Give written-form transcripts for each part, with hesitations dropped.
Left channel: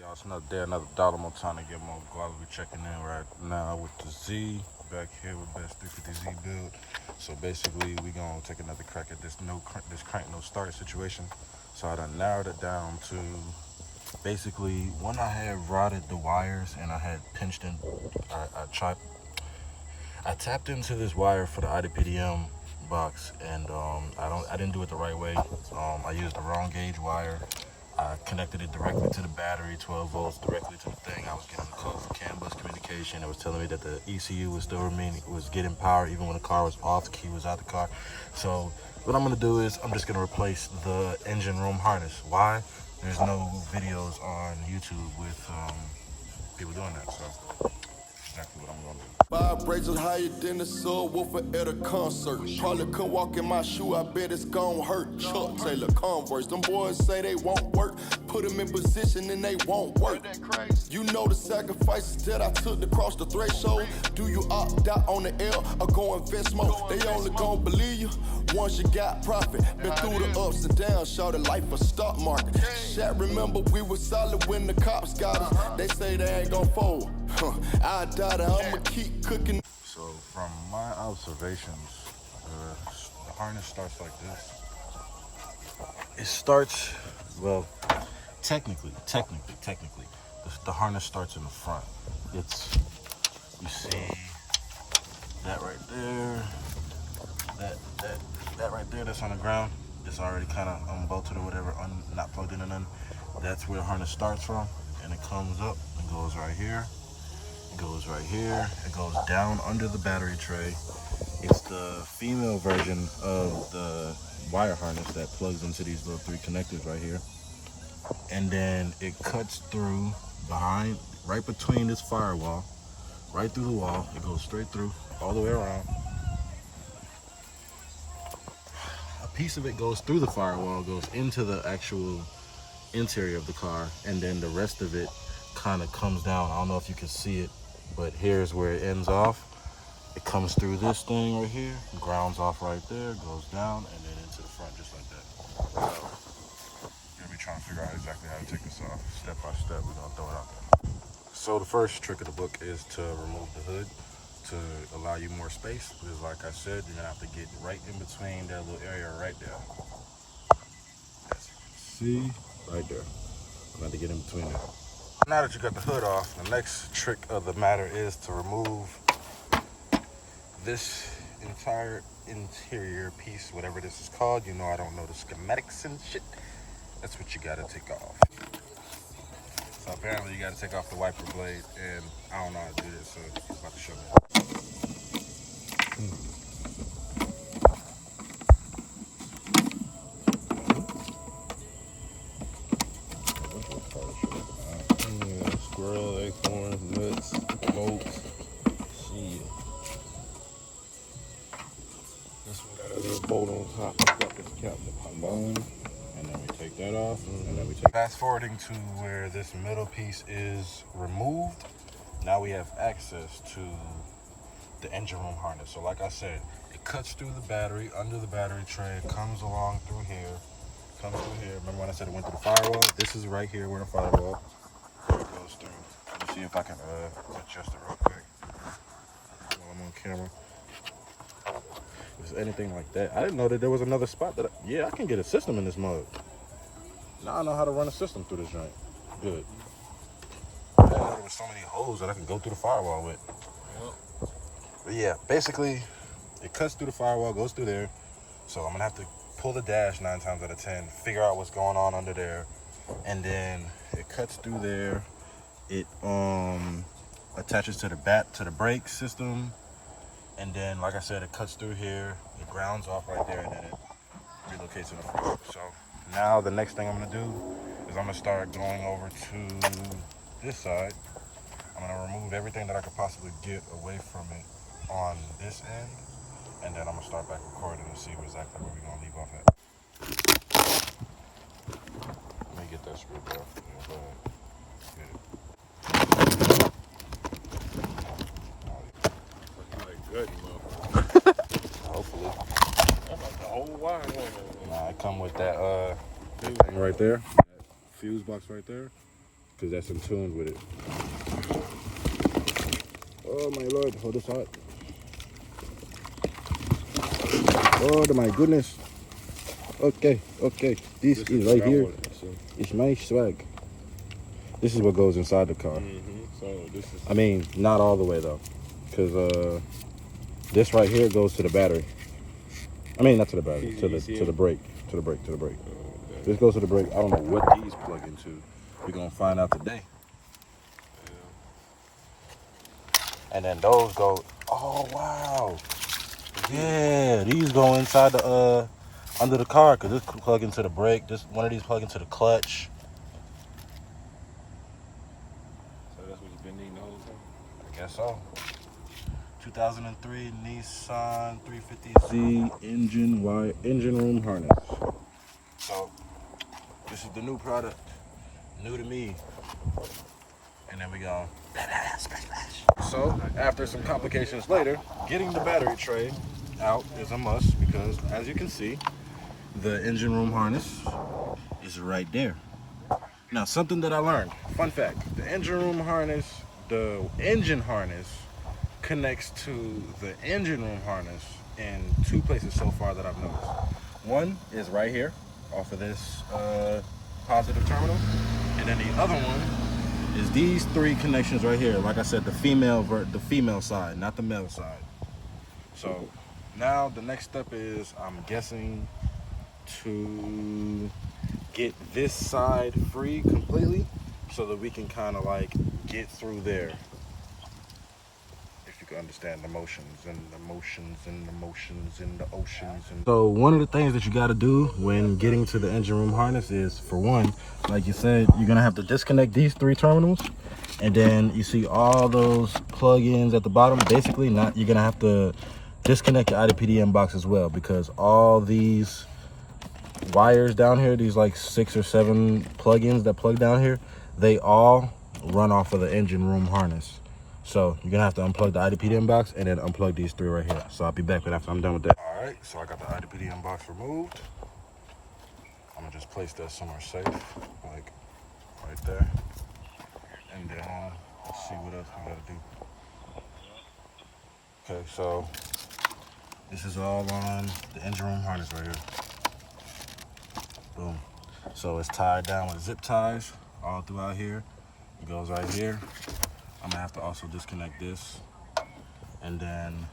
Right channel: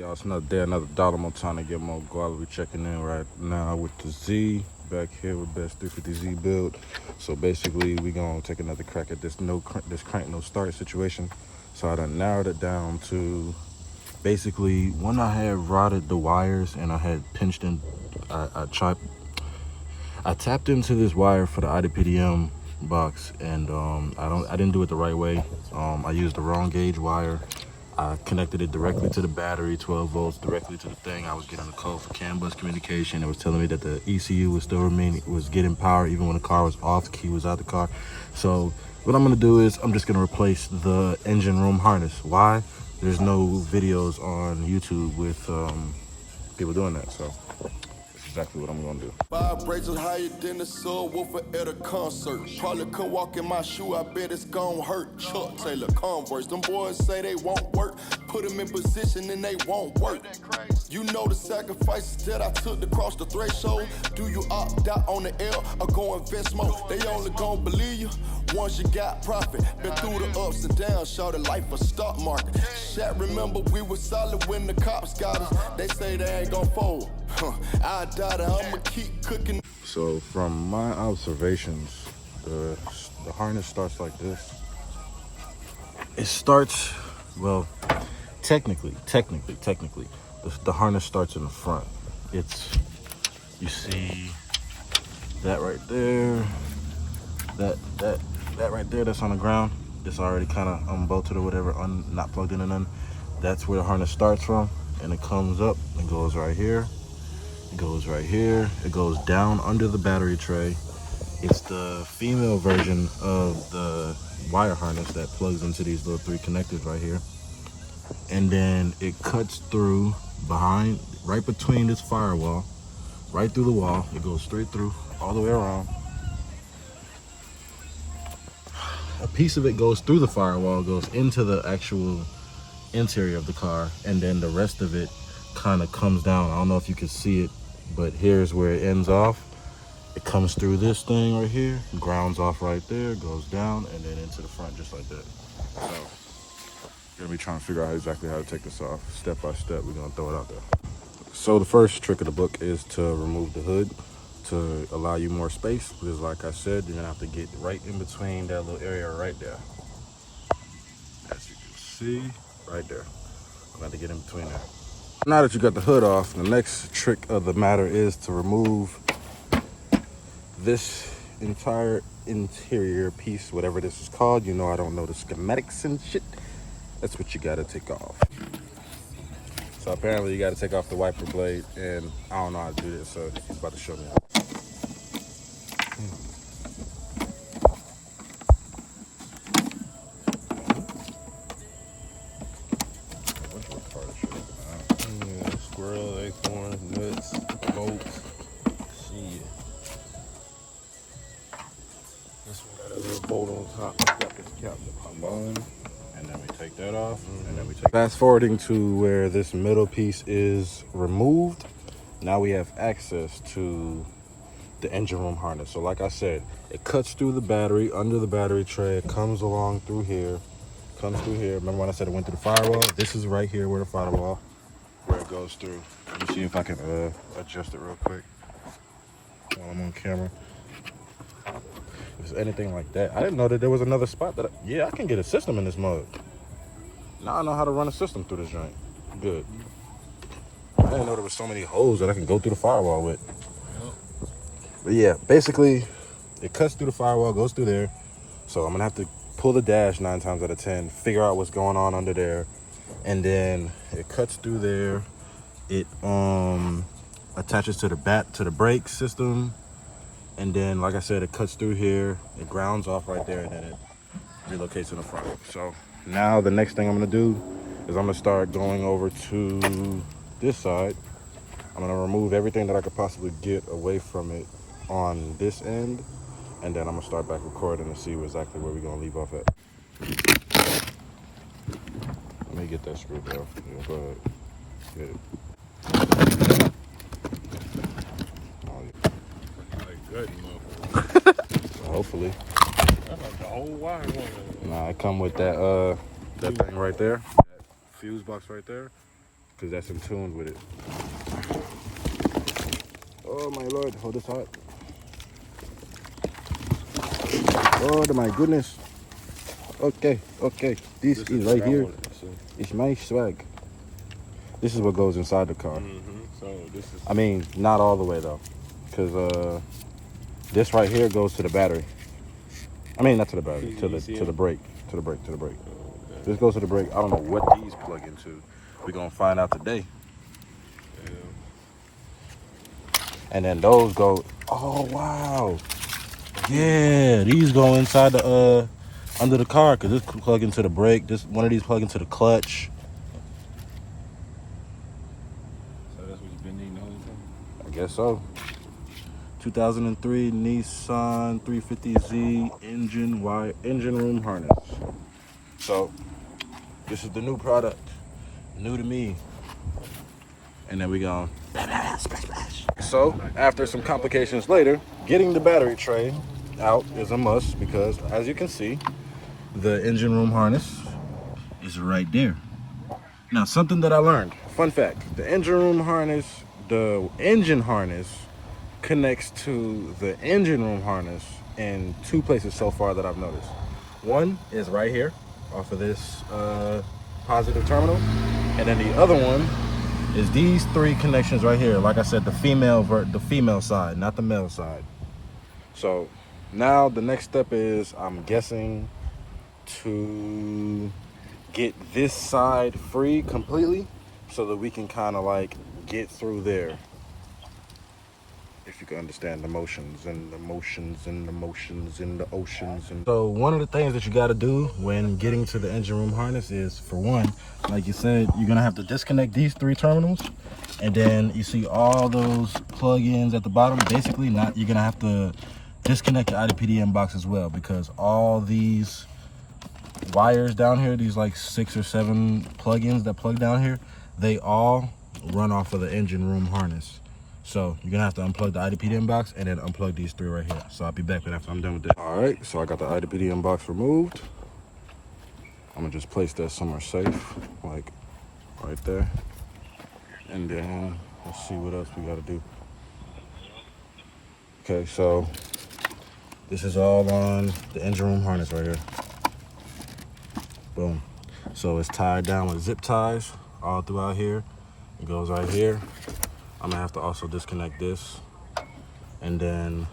Y'all, it's another day, another dollar. More time to get more guala. We checking in right now with the Z. Back here with Best 350Z build. So basically, we gonna take another crack at this this crank no start situation. So I done narrowed it down to basically when I had rotted the wires and I had pinched in, I tapped into this wire for the IDPDM box, and I didn't do it the right way. I used the wrong gauge wire. I connected it directly to the battery, 12 volts directly to the thing. I was getting a code for CAN bus communication. It was telling me that the ECU was getting power even when the car was off, the key was out the car. So what I'm gonna do is I'm just gonna replace the engine room harness. Why? There's no videos on YouTube with people doing that. So exactly what I'm gonna do. Vibrations higher than the subwoofer at a concert. Probably couldn't walk in my shoe, I bet it's gon' hurt. Chuck Taylor, Converse, them boys say they won't work. Put them in position and they won't work. You know the sacrifices that I took to cross the threshold. Do you opt out on the L or go invest more? They only gon' believe you once you got profit. Been through the ups and downs, show the life of stock market. Shaq, remember we was solid when the cops got us. They say they ain't gon' fold. I doubt it, I'ma keep cooking. So from my observations, the harness starts like this. It starts, well, technically, the harness starts in the front. You see that right there, that right there, that's on the ground. It's already kind of unbolted or whatever, not plugged in and none. That's where the harness starts from, and it comes up and goes right here. It goes right here. It goes down under the battery tray. It's the female version of the wire harness that plugs into these little 3 connectors right here. And then it cuts through behind, right between this firewall, right through the wall. It goes straight through, all the way around. A piece of it goes through the firewall, goes into the actual interior of the car, and then the rest of it kind of comes down. I don't know if you can see it, but here's where it ends off. It comes through this thing right here, grounds off right there, goes down, and then into the front just like that. So you're gonna be trying to figure out exactly how to take this off. Step by step, we're gonna throw it out there. So the first trick of the book is to remove the hood to allow you more space, because like I said, you're gonna have to get right in between that little area right there. As you can see, right there. I'm gonna have to get in between there. Now that you got the hood off, the next trick of the matter is to remove this entire interior piece, whatever this is called. You know I don't know the schematics and shit. That's what you gotta take off. So apparently you gotta take off the wiper blade, and I don't know how to do this, so he's about to show me. Squirrel, acorns, nuts, bolts. Shit. This one got a little bolt on top. Got this cap to pop on. And then we take that off, and then we take. Fast forwarding to where this middle piece is removed, now we have access to the engine room harness. So like I said, it cuts through the battery, under the battery tray, it comes along through here, comes through here. Remember when I said it went through the firewall? This is right here where the firewall, where it goes through. Let me see if I can adjust it real quick while I'm on camera. Is anything like that? I didn't know that there was another spot that yeah, I can get a system in this mode. Now I know how to run a system through this joint. Good. I didn't know there was so many holes that I can go through the firewall with. But yeah, basically, it cuts through the firewall, goes through there. So I'm gonna have to pull the dash 9 times out of 10, figure out what's going on under there, and then it cuts through there. It attaches to the brake system, and then, like I said, it cuts through here. It grounds off right there, and then it relocates in the front. So now the next thing I'm gonna do is I'm gonna start going over to this side. I'm gonna remove everything that I could possibly get away from it on this end, and then I'm gonna start back recording and see exactly where we're gonna leave off at. Let me get that screwed down. Yeah, go ahead. Get it. Hopefully. That's like the whole wire. Nah, I come with that thing right there, that fuse box right there. because that's in tune with it. Oh my Lord, hold this hot. Oh my goodness. Okay. This is right here. It's my swag. This is what goes inside the car. So this is. I mean, not all the way though, because this right here goes to the battery. I mean, not to the battery, to the brake, to the brake. Okay. This goes to the brake. I don't know what these plug into. We're gonna find out today. And then those go. Oh wow. Yeah, these go inside the under the car, because this plug into the brake. This one of these plug into the clutch. So that's what you've been needing those. I guess so. 2003 Nissan 350Z engine room harness. So this is the new product, new to me. And then we go splash. So after some complications later, getting the battery tray out is a must, because as you can see, the engine room harness is right there. Now, something that I learned, fun fact, the engine room harness, the engine harness connects to the engine room harness in two places so far that I've noticed. One is right here off of this positive terminal, and then the other one is these three connections right here. Like I said, the female side, not the male side. So now the next step is, I'm guessing, to get this side free completely so that we can kind of like get through there. If you can understand the motions and the motions and the motions and the oceans. So one of the things that you got to do when getting to the engine room harness is, for one, like you said, you're gonna have to disconnect these three terminals, and then you see all those plug-ins at the bottom. Basically, you're gonna have to disconnect the IDPDM box as well, because all these wires down here, these like 6 or 7 plug-ins that plug down here, they all run off of the engine room harness. So you're gonna have to unplug the IDPDM box and then unplug these three right here. So I'll be back after I'm done with that. All right, so I got the IDPDM box removed. I'm gonna just place that somewhere safe, like right there. And then let's see what else we gotta do. Okay, so this is all on the engine room harness right here. Boom. So it's tied down with zip ties all throughout here. It goes right here. I'm gonna have to also disconnect this. And then,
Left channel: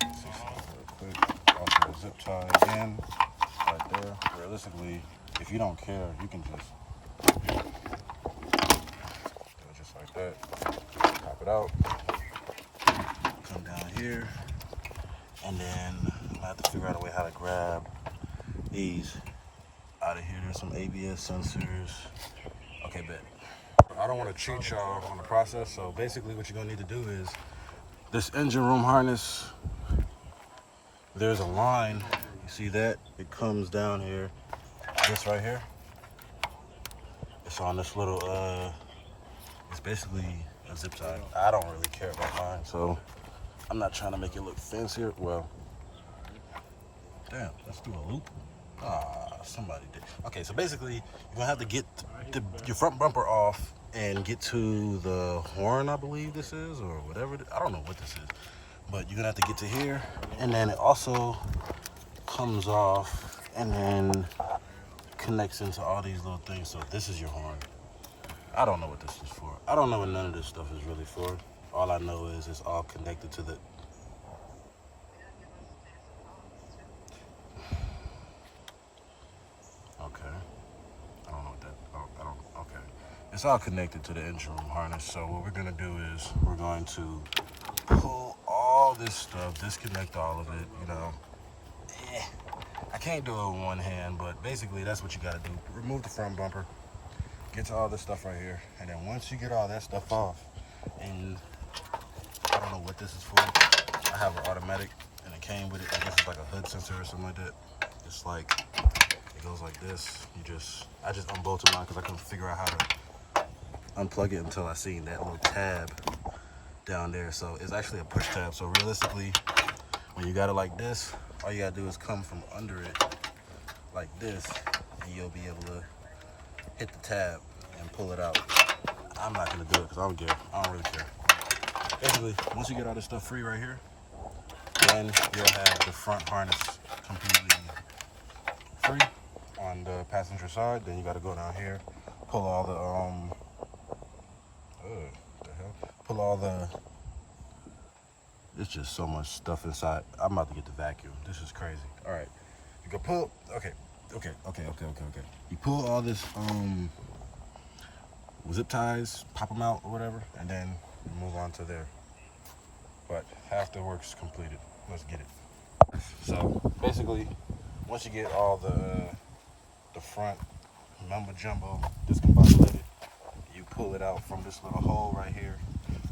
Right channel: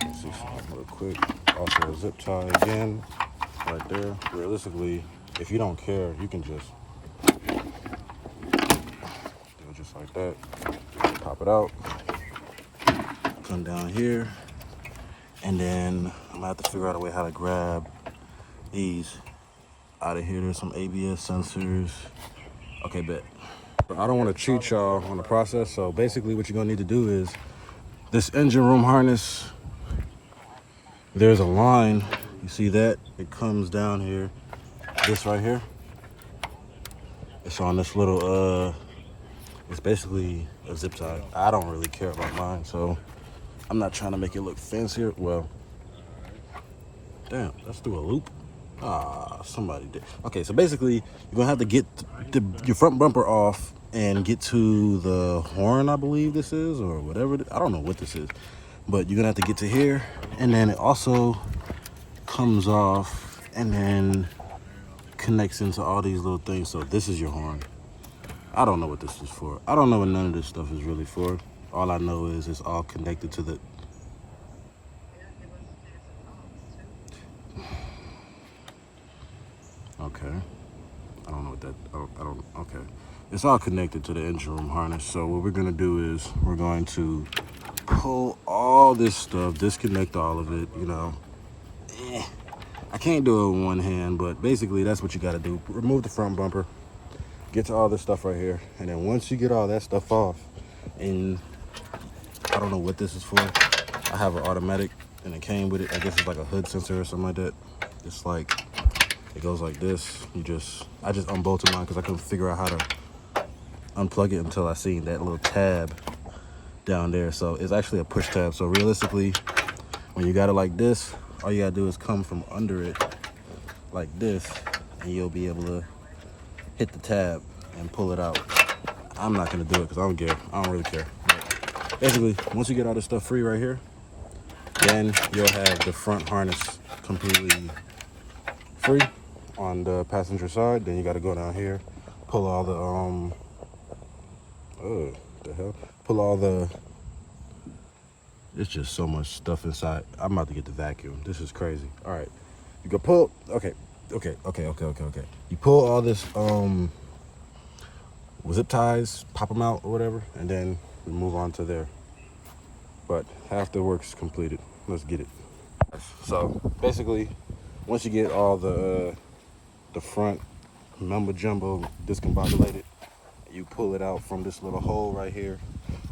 let's see something real quick. Also a zip tie again, right there. Realistically, if you don't care, you can just do it just like that. Pop it out. Come down here. And then I'm gonna have to figure out a way how to grab these out of here. There's some ABS sensors. Okay, bet. I don't want to cheat y'all on the process, so basically what you're gonna need to do is, this engine room harness, there's a line, you see that? It comes down here, this right here. It's on this little, it's basically a zip tie. I don't really care about mine, so I'm not trying to make it look fancier. Well, damn, let's do a loop. Ah, somebody did. Okay, so basically, you're gonna have to get your front bumper off and get to the horn, I believe this is, or whatever. I don't know what this is, but you're gonna have to get to here, and then it also comes off and then connects into all these little things. So this is your horn. I don't know what this is for. I don't know what none of this stuff is really for. All I know is it's all connected to the... Okay. I don't know what that... Oh, I don't... Okay. It's all connected to the engine room harness. So what we're going to do is we're going to pull all this stuff, disconnect all of it, you know. I can't do it with one hand, but basically that's what you got to do. Remove the front bumper, get to all this stuff right here, and then once you get all that stuff off, and I don't know what this is for. I have an automatic, and it came with it. I guess it's like a hood sensor or something like that. It's like, it goes like this. I just unbolted mine because I couldn't figure out how to unplug it until I seen that little tab down there. So it's actually a push tab. So realistically, when you got it like this, all you gotta do is come from under it like this, and you'll be able to hit the tab. and pull it out. I'm not gonna do it because I don't care. I don't really care. Basically, once you get all this stuff free right here, then you'll have the front harness completely free on the passenger side. Then you got to go down here, pull all the what the hell? Pull all the. It's just so much stuff inside. I'm about to get the vacuum. This is crazy. All right, you can pull. Okay. You pull all this zip ties, pop them out or whatever, and then we move on to there. But half the work is completed. Let's get it. So basically, once you get all the front mumbo jumbo discombobulated, you pull it out from this little hole right here.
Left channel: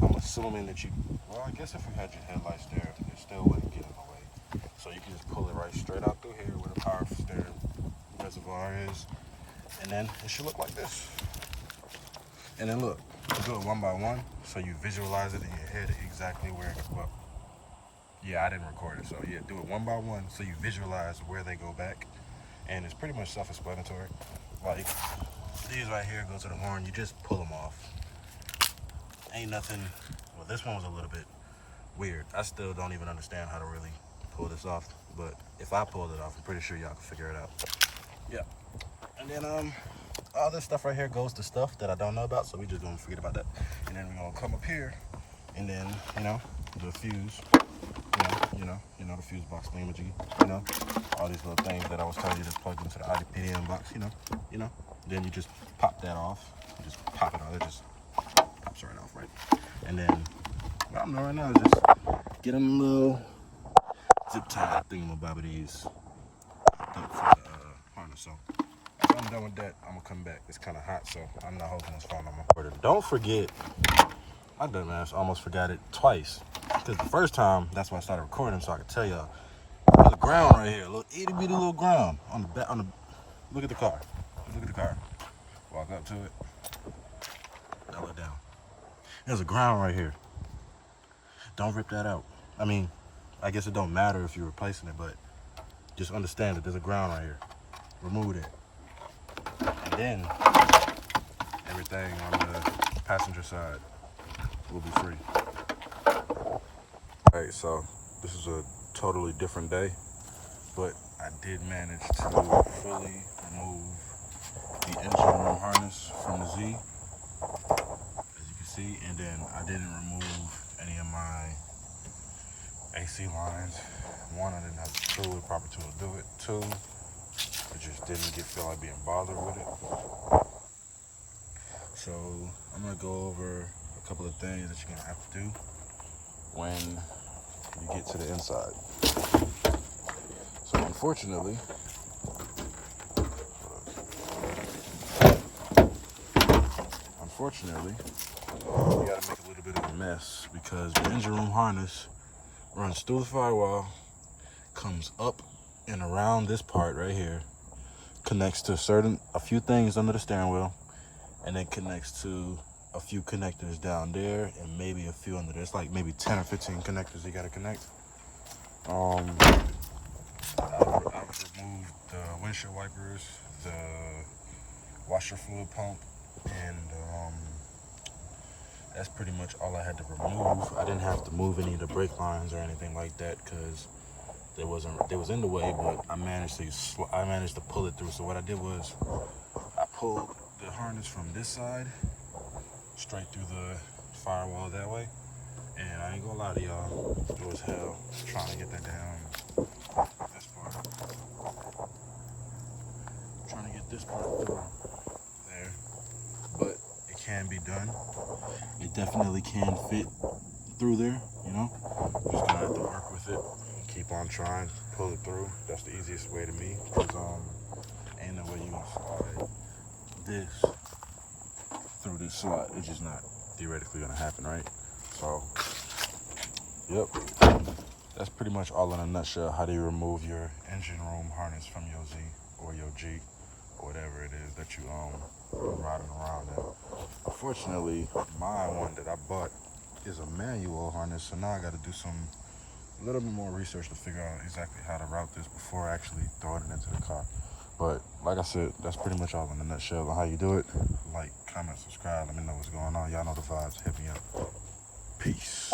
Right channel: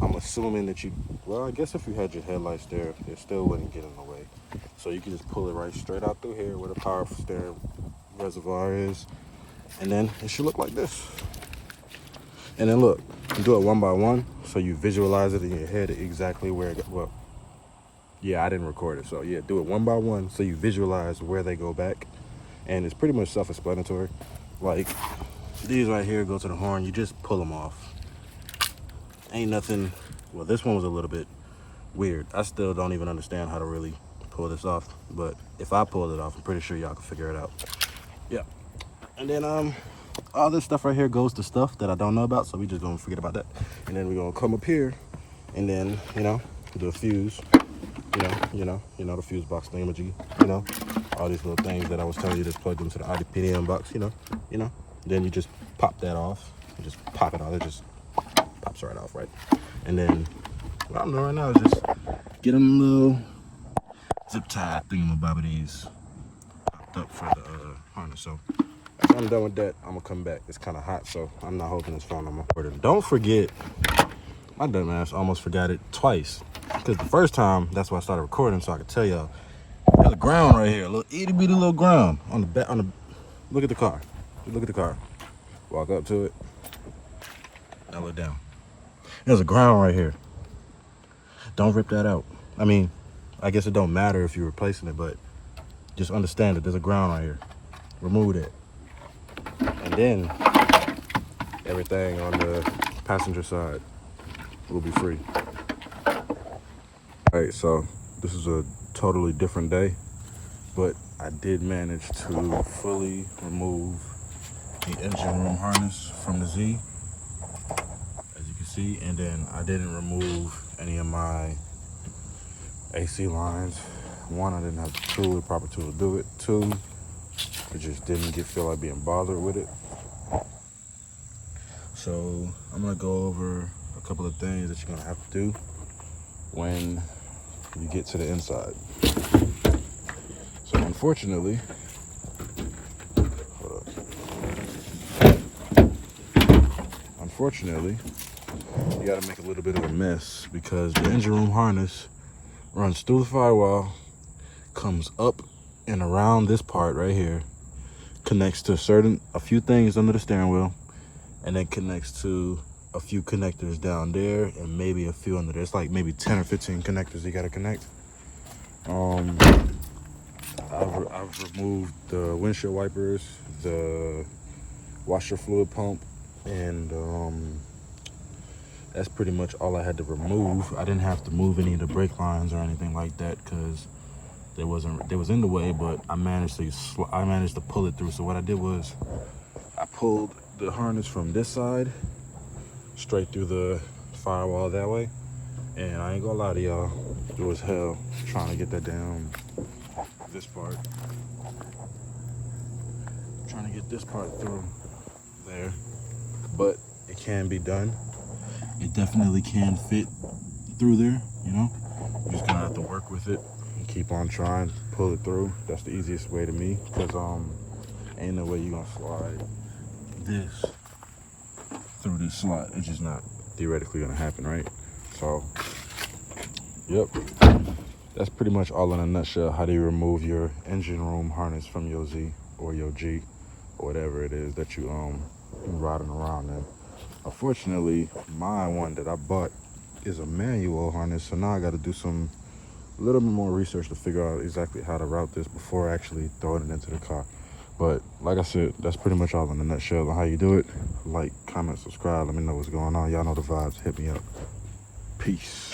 I'm assuming that well, I guess if you had your headlights there, it still wouldn't get in the way. So you can just pull it right straight out through here where the power steering reservoir is, and then it should look like this. And then look, you do it one by one, so you visualize it in your head exactly where it goes. Well, yeah, I didn't record it, so yeah, do it one by one so you visualize where they go back. And it's pretty much self-explanatory. Like, these right here go to the horn, you just pull them off. Ain't nothing, well, this one was a little bit weird. I still don't even understand how to really pull this off, but if I pulled it off, I'm pretty sure y'all can figure it out. Yeah. And then, all this stuff right here goes to stuff that I don't know about, so we just gonna forget about that. And then we're gonna come up here and then, the fuse, the fuse box thingamajiggy, all these little things that I was telling you to plug into the IDPDM box, then you just pop that off. You just pop it out, it just pops right off, right? And then what I'm doing right now is just get them little zip tie thingamabobbities popped up for the harness. So after I'm done with that, I'm gonna come back. It's kind of hot, so I'm not holding this phone on my order. Don't forget, my dumb ass almost forgot it twice. Because the first time, that's why I started recording, so I could tell y'all. There's a ground right here, a little itty bitty little ground on the back. Look at the car. Look at the car. Walk up to it. Now look down. There's a ground right here. Don't rip that out. I mean, I guess it don't matter if you're replacing it, but just understand that there's a ground right here. Remove it. And then everything on the passenger side will be free. All right, so this is a totally different day, but I did manage to fully remove the engine room harness from the Z, as you can see, and then I didn't remove any of my AC lines. One, I didn't have the proper tool to do it. Two, it just didn't feel like being bothered with it. So I'm gonna go over a couple of things that you're gonna have to do when you get to the inside. So unfortunately, you gotta make a little bit of a mess because the engine room harness runs through the firewall, comes up and around this part right here, connects to a few things under the steering wheel, and then connects to a few connectors down there and maybe a few under there. It's like maybe 10 or 15 connectors you gotta connect. I've removed the windshield wipers, the washer fluid pump, and that's pretty much all I had to remove. I didn't have to move any of the brake lines or anything like that because they was in the way, but I managed to pull it through. So what I did was I pulled the harness from this side straight through the firewall that way, and I ain't gonna lie to y'all, it was hell trying to get that down this part, trying to get this part through there, but it can be done. It definitely can fit through there, you just gonna have to work with it and keep on trying, pull it through. That's the easiest way to me, because ain't no way you gonna slide this through this slot. It's just not theoretically gonna happen, right? So, yep, that's pretty much all in a nutshell. How do you remove your engine room harness from your Z or your G or whatever it is that you been riding around in? Unfortunately, my one that I bought is a manual harness, so now I got to do a little bit more research to figure out exactly how to route this before actually throwing it into the car. But like I said, that's pretty much all in a nutshell on how you do it. like, comment, subscribe. Let me know what's going on. Y'all know the vibes. Hit me up. Peace.